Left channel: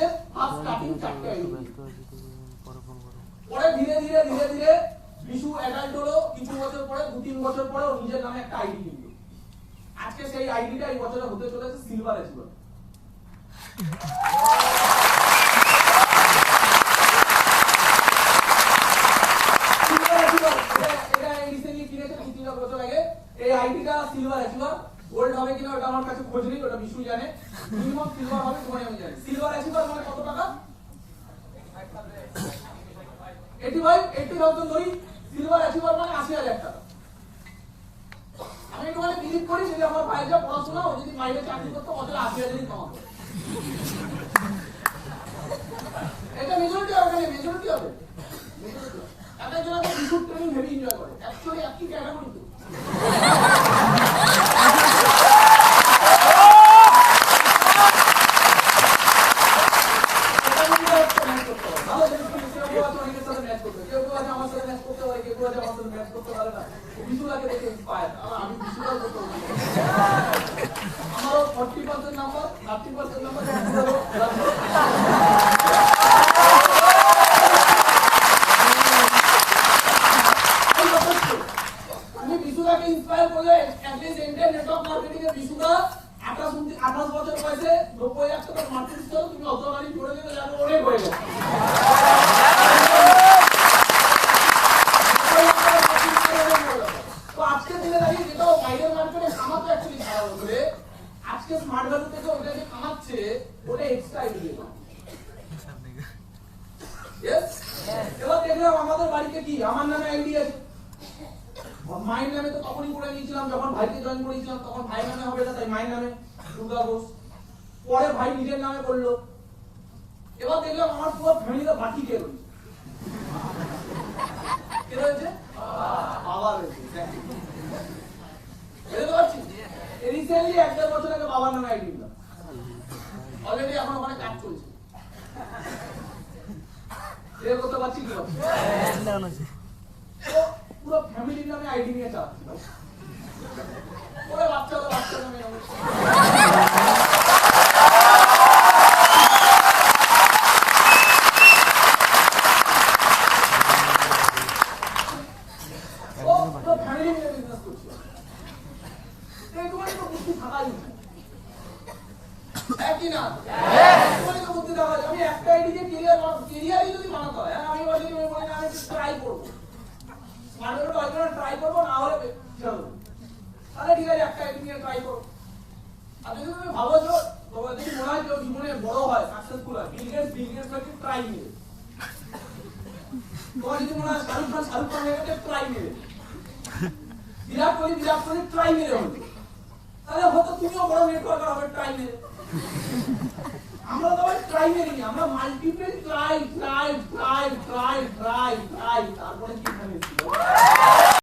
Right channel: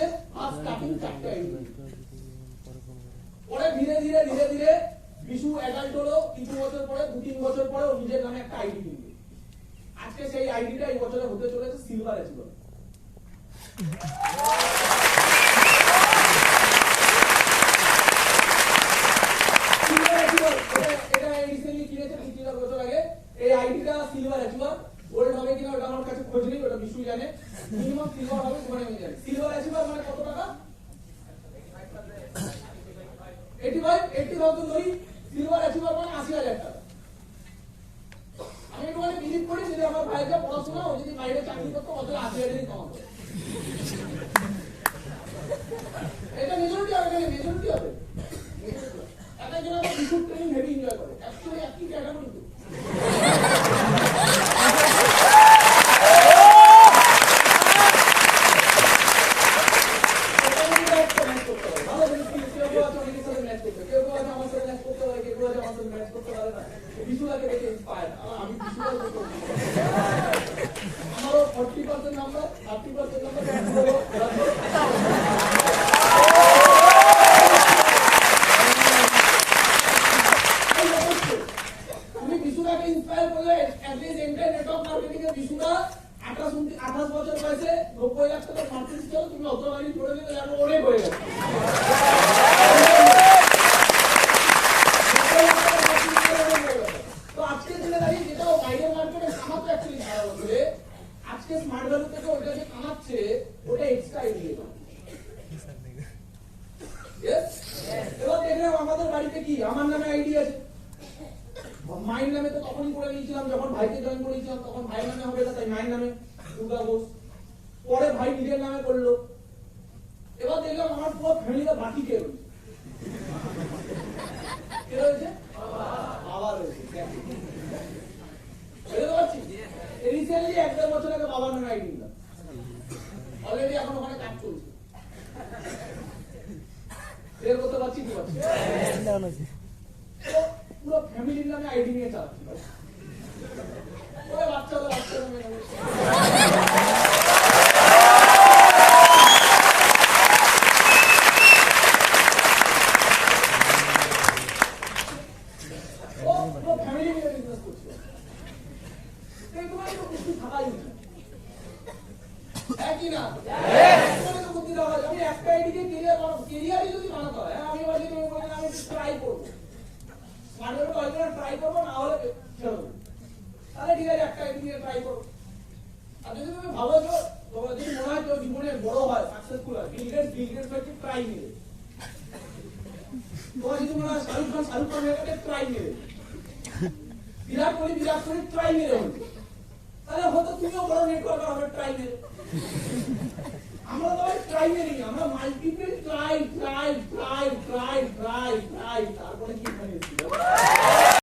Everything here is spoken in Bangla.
আমাদের ফার্স্ট স্টার্টিং 4টে আইডি। পরে ধীরে ধীরে ধীরে ধীরে বিশু অ্যাডাল্ট হলো, কিছু বছর পরে 2-3 বছর পরে ও নিজের নামে একটা আইডি কিনলো। আজকে সেই আইডিটা এই বছরে হতে চলেছে সিলভার অ্যাচিভার। এটা রিসেন্টলি কিনেছে 2-3 বছর আগে। এই আইডিটা সিলভার অ্যাচিভার। গোল্ড হবে কিনা ওটা আমার কাছে খোঁজ নেই, ওটা বিশু জানে। মিনিমাম সিলভার হবে তোমার আমি জানি। সিলভার অ্যাচিভার মানে কত টাকা? 80,000 ধরি। সিলভার অ্যাচিভার মানে 80,000 টাকা। আমি একটু বিলিভ করি যদি আমার ভাইয়ের যা পড়াশোনা, ও যদি বাইরে চাকরি করতো বছরে 80,000 কামাতো। এটা মেজরিটি হবে, মেজরিটি হবে। একটা জন একটা বিশুর ট্রেনিং হেভি এনজয় করে। অ্যাকচুয়ালি একই ক্যাটাগরি তো। আমারও 40% নাম্বার, 30% নাম্বার। তুমি বিশুদাকে ইন্সপায়ার করলে অ্যাটলিস্ট এন্টার নেটওয়ার্ক মার্কেটিং এর বিশুদা 28 বছর বয়সে 90 লাখ টাকা মার্কেট ছিল, তুমি অত গাড়ি করে দিতে যাবে, অনেক হয়ে গেছে। তো আজকের দিনে দাঁড়িয়ে যেটা বাইরের মার্কেটে কামাতো অ্যাকচুয়ালি ভালো বলবে, আজকে স্মার্ট ভ্যালু থেকে ওটাকে কামাচ্ছে, ওটা এক্সট্রা আইডিয়া। এবার দেখলাম আমাদের বাড়িতে কি আমার নামে আইডি আছে, মায়ের নামে তো তখনই করে নিয়েছিলাম যখন ভাইকে জয়েন করেছিলাম, তখন ভাইয়ের নামে হবে না, তাই মায়ের নামে দুর্গা ঘোষ। পরে ভাই নিজের নামে করলো। এবার দেখলাম আমার পুরো ফ্যামিলিটা বাকি কে রয়েছে? কে রয়েছে? বাবা রয়েছে। বুঝতে পারছি? রিসেন্টলি 1-1.5 বছর আগে বাবার নামে আইডি দিলাম। অলরেডি এখন ওখানে কাজ চলছে। এর করতে পারছি কি পারছি? পুরো ফ্যামিলির নামে আইডি নিয়ে চালাচ্ছি। ওরা বাচ্চা নামে ফ্যামিলি নিয়ে বিজনেস করছি। তোমার তো বুদ্ধি থাকাই উচিত, একই না? তোমার তো বুদ্ধি থাকা। আমি একটা আইডিকে কেরিয়ারই যদি বানাতে হয়, আমি বলি আমি ট্রাই করবো, ট্রাই করবো, না হলে তাহলে ঠিক আছে একটা আইডি নিয়ে ট্রাই করবো। আর যদি তুমি ভাবো যে তোমার যদি মনে হয় কেউ জীবনে বড় হয়, সাকসেসফুল হয়, বিল গেটস হচ্ছে ট্রাই মেরে। তোমার যদি মনে হয় শাহরুখ খান হয়ে গেছে, ট্রাই মেরে। বিরাট কোহলি ট্রাই মেরে হলো, তাহলে হয়তো তুমিও বড় নেটওয়ার্কার হবে ট্রাই মেরে। আমরা তো ট্রাই মেরি, আমরা মাল্টিপল ট্রাই, তারপরে কি